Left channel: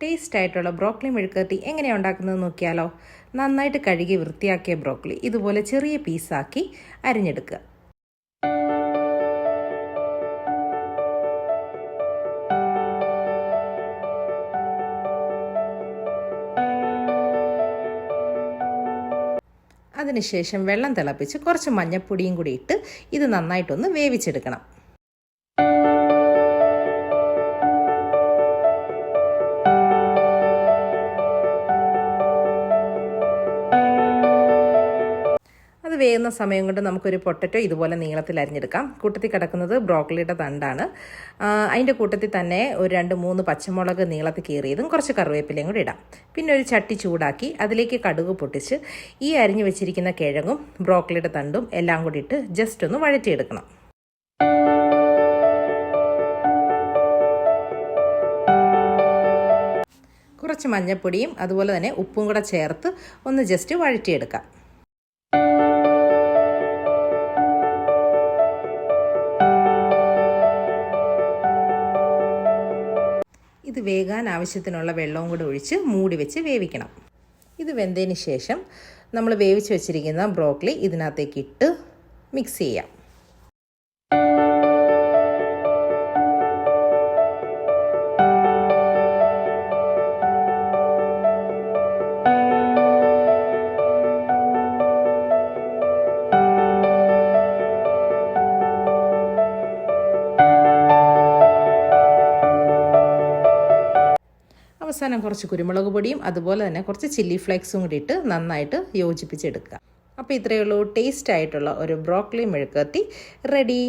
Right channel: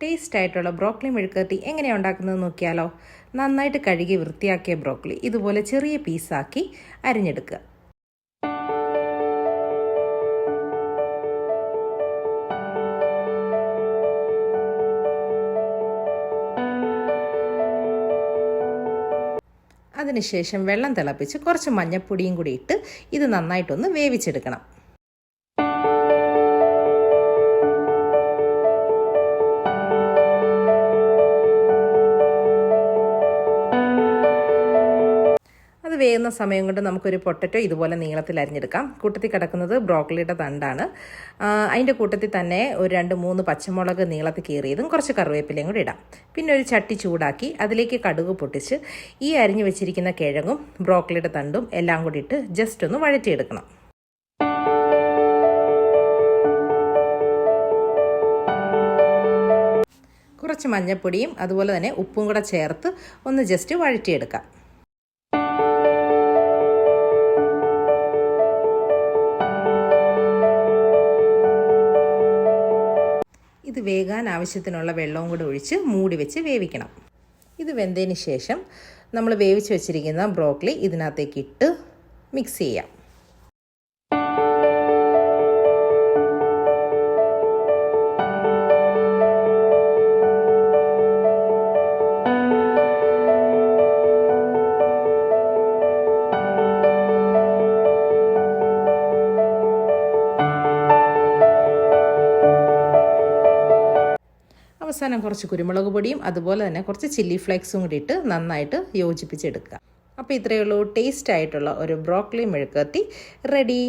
Taste ആയിട്ടുള്ള broccoli മെഴുക്കുവരട്ടി എങ്ങനെയാണ് ഉണ്ടാക്കുന്നത് നോക്കിയാലോ. നന്നായിട്ട് കഴുകി വൃത്തിയാക്കിയ ബ്രോക്കലി ഇതുപോലെ ചെറിയ പീസാക്കി അരിഞ്ഞെടുക്കുക. അതിനുശേഷം വെള്ളം തിളപ്പിച്ച് കുറച്ച് മഞ്ഞൾപ്പൊടിയും കൂടി ഇട്ട് ഇത് നന്നായിട്ടൊന്ന് വേവിച്ചെടുക്കണം. അത് വേകുന്ന സമയം കൊണ്ട് നമുക്കൊരു പൊട്ടറ്റോ ഇതുപോലെ നീളത്തിൽ അരിഞ്ഞെടുക്കാം. കൂട്ടത്തിൽ കിടക്കുന്നത് ബ്രോക്കലിയുടെ തണ്ടാണ്. അതിൻ്റെ കൂട്ടത്തിൽ തന്നെ ഒരു 2-3 പച്ചമുളക് നീളത്തിൽ കീറിയതും കുറച്ച് കറിവേപ്പിലയും കൂടി ഇടാം. പിന്നെ ഒരു ചട്ടി ചൂടാക്കി അതിലേക്ക് കടുക് പൊട്ടിച്ച് ഈ അരിഞ്ഞു വെച്ചിരിക്കുന്ന കിഴങ്ങും ബ്രോക്കലിയുടെ തണ്ടും എല്ലാം കൂടി ഇട്ട് ജസ്റ്റ് ഒന്ന് വഴറ്റിയെടുക്കണം. കുറച്ച് മഞ്ഞൾപ്പൊടിയും അതുപോലെ തന്നെ ഉപ്പും കൂടെ ചേർത്ത് ഒന്ന് ജസ്റ്റ് വഴറ്റിയെടുക്കാം. ഇത് വേകാൻ ആവശ്യത്തിനുള്ള വെള്ളവും കൂടെ ഒഴിച്ച് മൂടി വെച്ച് വേവിക്കണം. ഇത് വെന്തതിന് ശേഷം നമ്മൾ വേവിച്ച് വെച്ചിരിക്കുന്ന ബ്രോക്കലി ഇതിനകത്തേക്ക് ഇട്ട് മിക്സ് ചെയ്യാം. അവസാനം കുറച്ച് കുരുമുളക് പൊടിയും അതുപോലെ തന്നെ കുറച്ച് ചില്ലി ഫ്ലേക്സും കൂടി ഇട്ട് നന്നായിട്ട് യോജിപ്പിച്ചെടുക്കുക. അപ്പോൾ ഇത്രയേ ഉള്ളൂ, ടേസ്റ്റ് ആയിട്ടുള്ള ഒരു ബ്രോക്കലി മെഴുക്കുവരട്ടി റെഡി.